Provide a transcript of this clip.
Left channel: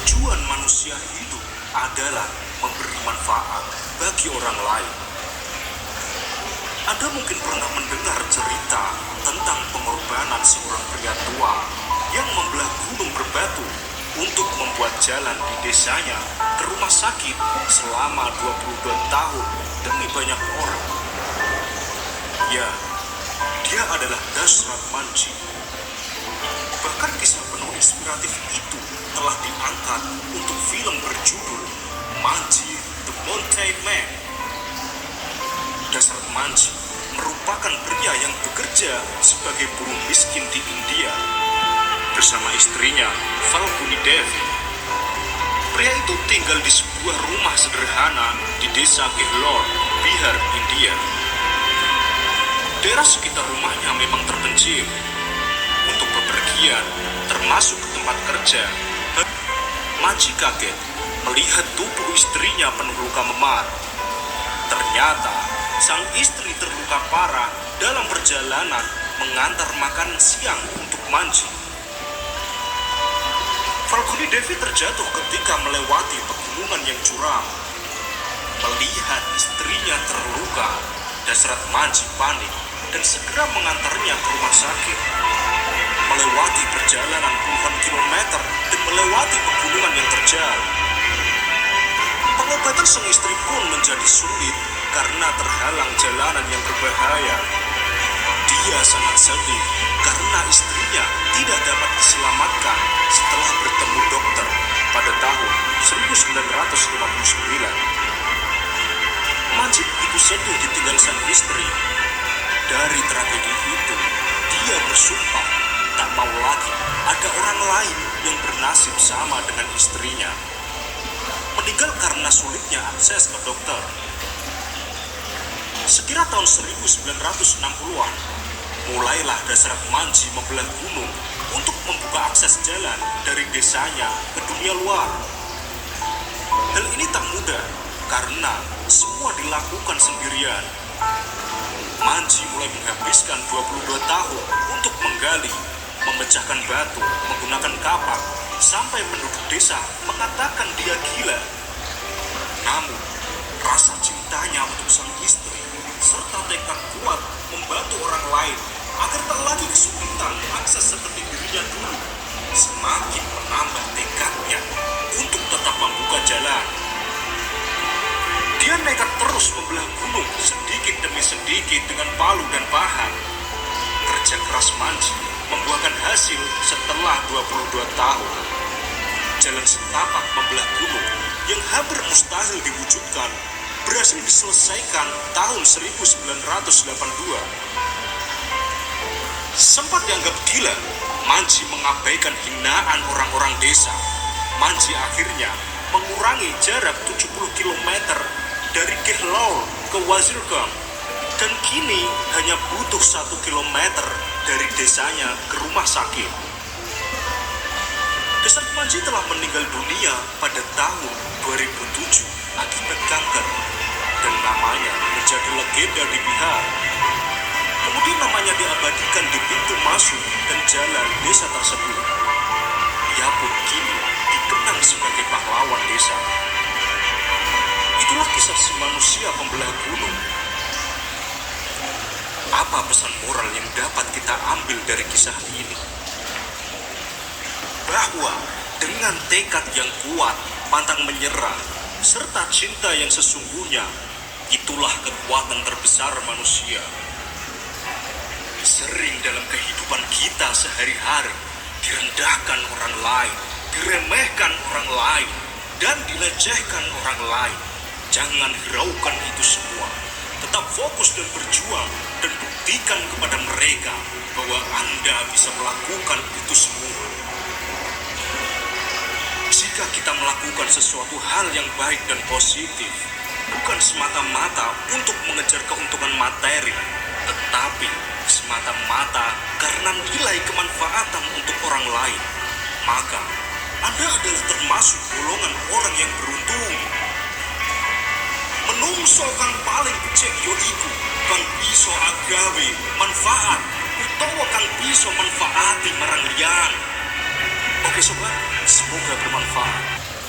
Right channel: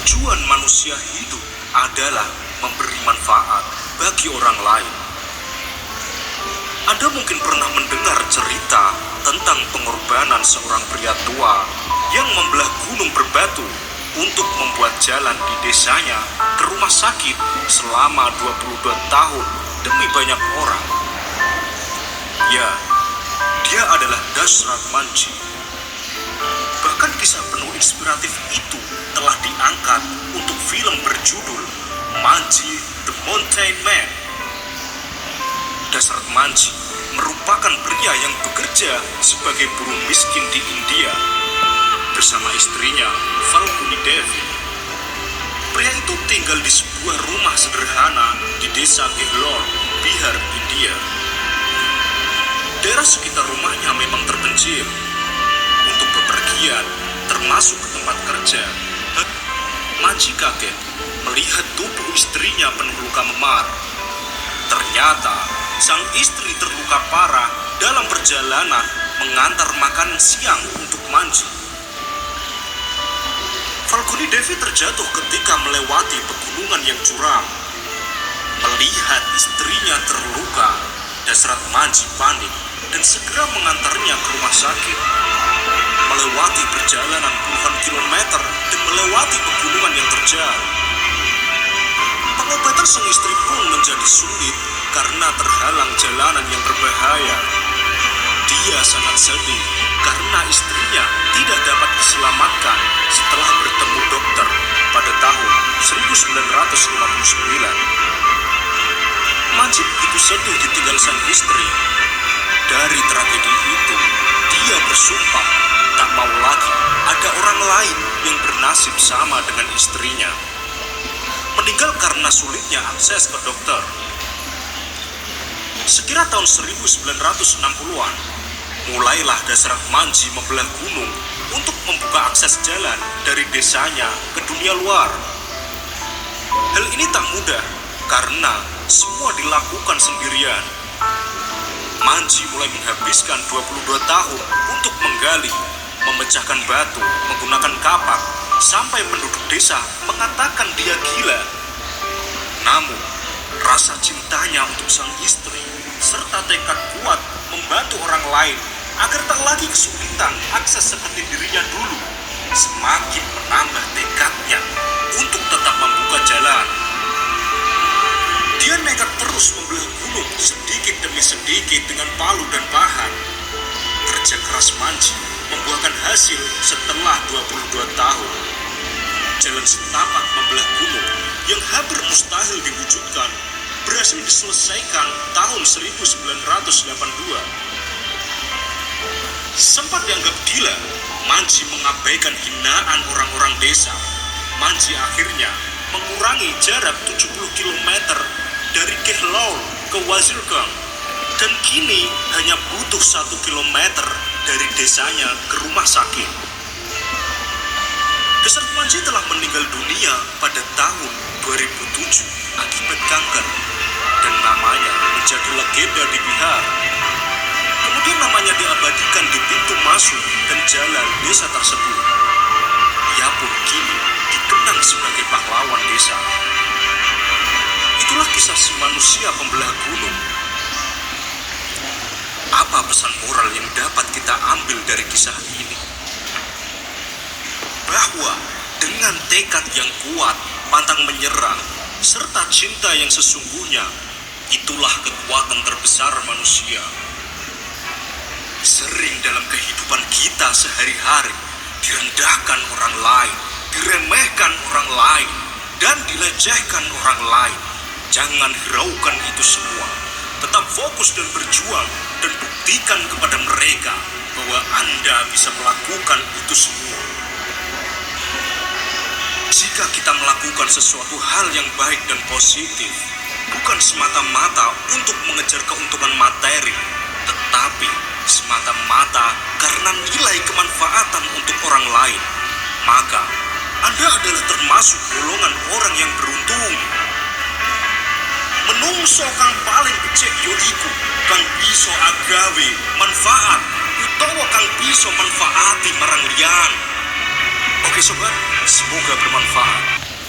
Tujuan manusia hidup adalah memberi manfaat bagi orang lain. Anda mungkin pernah mendengar cerita tentang pengorbanan seorang pria tua yang membelah gunung berbatu untuk membuat jalan di desanya ke rumah sakit selama 22 tahun demi banyak orang. Ya, dia adalah Dashrath Manjhi. Bahkan kisah penuh inspiratif itu telah diangkat untuk film berjudul Manjhi the Mountain Man. Dashrath Manjhi merupakan pria yang bekerja sebagai buruh miskin di India bersama istrinya Falguni Devi. Pria itu tinggal di sebuah rumah sederhana di desa Kehlor, Bihar, India. Daerah sekitar rumahnya memang terpencil. Untuk bepergian, termasuk ke tempat kerja, Manjhi kaget melihat tubuh istrinya penuh luka memar. Ternyata, sang istri terluka parah dalam perjalanan mengantar makan siang untuk Manjhi. Falguni Devi terjatuh ketika melewati pegunungan yang curam. Melihat istrinya terluka, Dashrath Manjhi panik dan segera mengantarnya ke rumah sakit. Melewati perjalanan puluhan kilometer dan melewati pegunungan yang terjal. Pengobatan sang istri pun menjadi sulit karena terhalang jalanan yang berbahaya. Dia sangat sedih karena istrinya tidak dapat diselamatkan setelah bertemu dokter pada tahun 1959. Manjhi begitu sedih ditinggal sang istri. Dari tragedi itu, dia bersumpah tak mau lagi ada orang lain yang bernasib sama dengan istrinya. Meninggal karena sulitnya akses ke dokter. Sekira tahun 1960-an, mulailah Dashrath Manjhi membelah gunung untuk membuka akses jalan dari desanya ke dunia luar. Hal ini tak mudah karena semua dilakukan sendirian. Manjhi mulai menghabiskan 22 tahun untuk menggali, memecahkan batu, menggunakan kapak, sampai penduduk desa mengatakan dia gila. Namun, rasa cintanya untuk sang istri, serta tekad kuat membantu orang lain agar tak lagi kesulitan akses seperti dirinya dulu, semakin menambah tekadnya untuk tetap membuka jalan. Dia nekat terus membelah gunung sedikit demi sedikit dengan palu dan pahat. Kerja keras Manjhi membuahkan hasil setelah 22 tahun. Jalan setapak membelah gunung yang hampir mustahil diwujudkan berhasil diselesaikan tahun 1982. Sempat dianggap gila, Manjhi mengabaikan hinaan orang-orang desa. Manjhi akhirnya mengurangi jarak 70 km dari Kehlor ke Wazirgang, dan kini hanya butuh 1 km dari desanya ke rumah sakit. Dashrath Manjhi telah meninggal dunia pada tahun 2007 akibat kanker, dan namanya menjadi legenda di Bihar. Kemudian namanya diabadikan di pintu masuk dan jalan desa tersebut. Ia pun kini dikenang sebagai pahlawan desa. Itulah kisah si manusia pembelah gunung. Apa pesan moral yang dapat kita ambil dari kisah ini? Bahwa dengan tekad yang kuat, pantang menyerah, serta cinta yang sesungguhnya, itulah kekuatan terbesar manusia. Sering dalam kehidupan kita sehari-hari, direndahkan orang lain, diremehkan orang lain, dan dilecehkan orang lain. Jangan hiraukan itu semua. Tetap fokus dan berjuang, dan buktikan kepada mereka bahwa Anda bisa melakukan itu semua. Jika kita melakukan sesuatu hal yang baik dan positif, bukan semata-mata untuk mengejar keuntungan materi, tetapi semata-mata karena nilai kemanfaatan untuk orang lain, maka Anda adalah termasuk golongan orang yang beruntung. Menungso kang paling becik ya iku kang bisa agawe manfaat utawa kang bisa manfaati marang liyan. Oke sobat, semoga bermanfaat.